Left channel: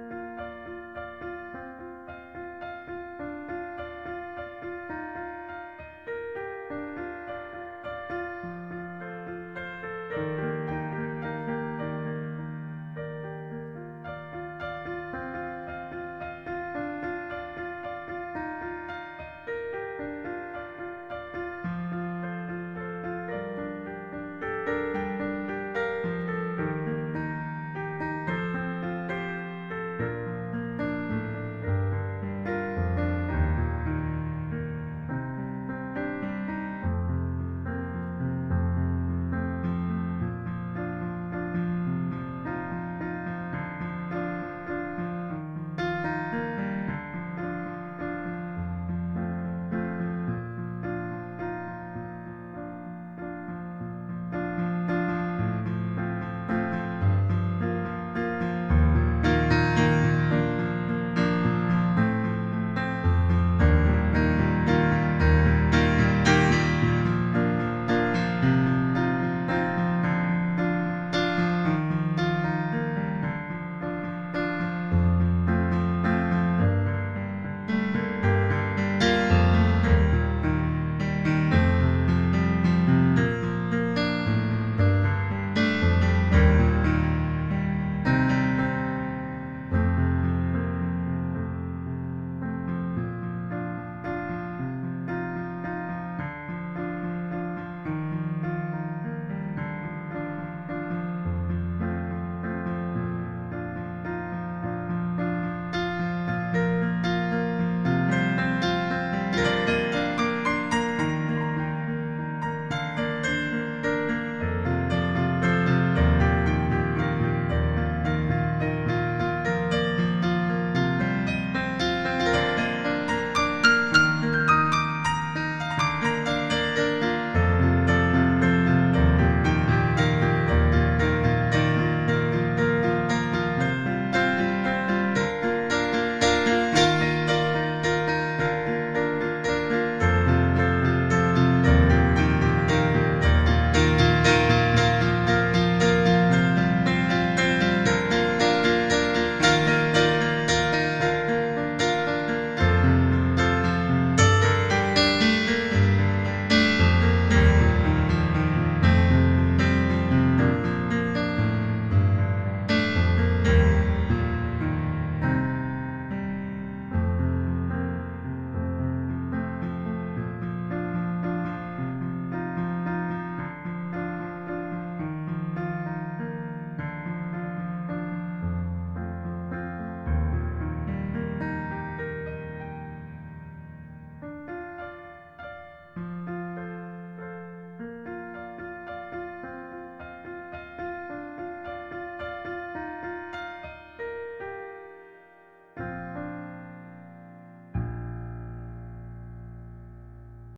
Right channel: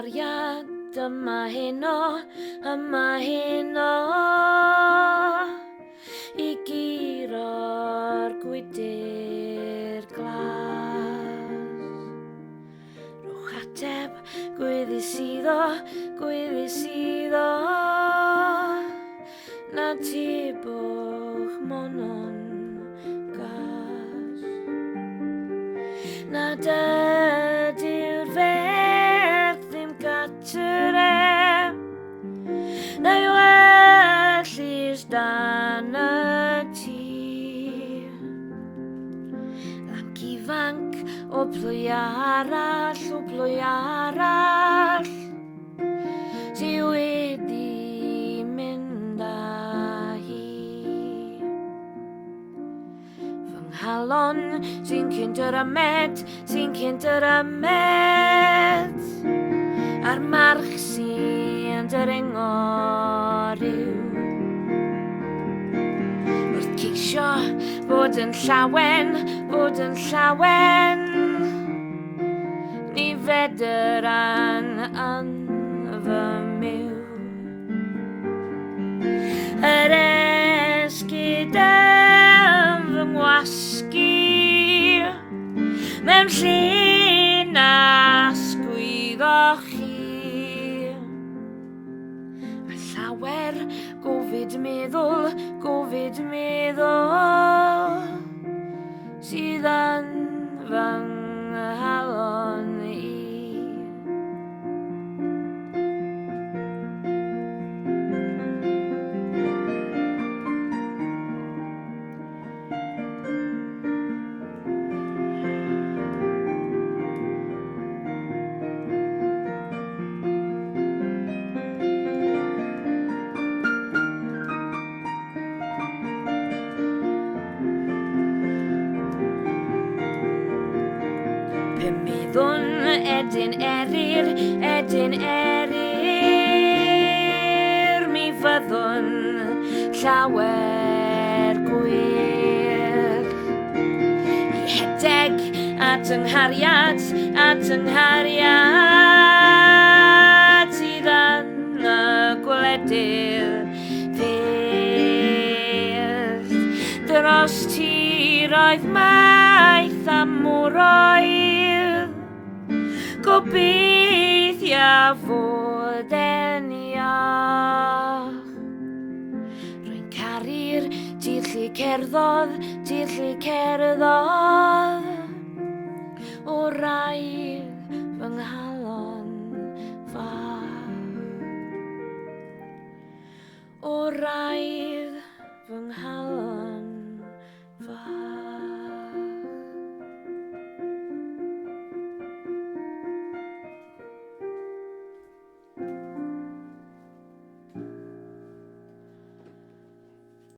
nghariad yma heno I guro'r gwydr glas Rhowch ateb gweddis iddo na tibwch monon gas na dydy'r ferch ddim gatref neu well is dan y tŷ Ac ifanc o plwy arall sy wedi mynd â hi Fy nghalon sy'n cynt yr amed a'r march sy'n dyrengor i'w Wrth ceisio bod yn llawen ni fedr an fy myw Yr esgyd fy ngwasgu mewn lle na sgwyddoch chi A llawer gofid meddwl sydd yn fy nghalon I Edyn erir mi fyddwn llawer gwir Rhedeg at yng nghariad sydd yn y gwledydd fyr Dros tiroedd maith a mwroedd Gobeithio fod e'n iach Rwy'n caru'r dirllu cerddodd O raidd fy nghalon fach O raidd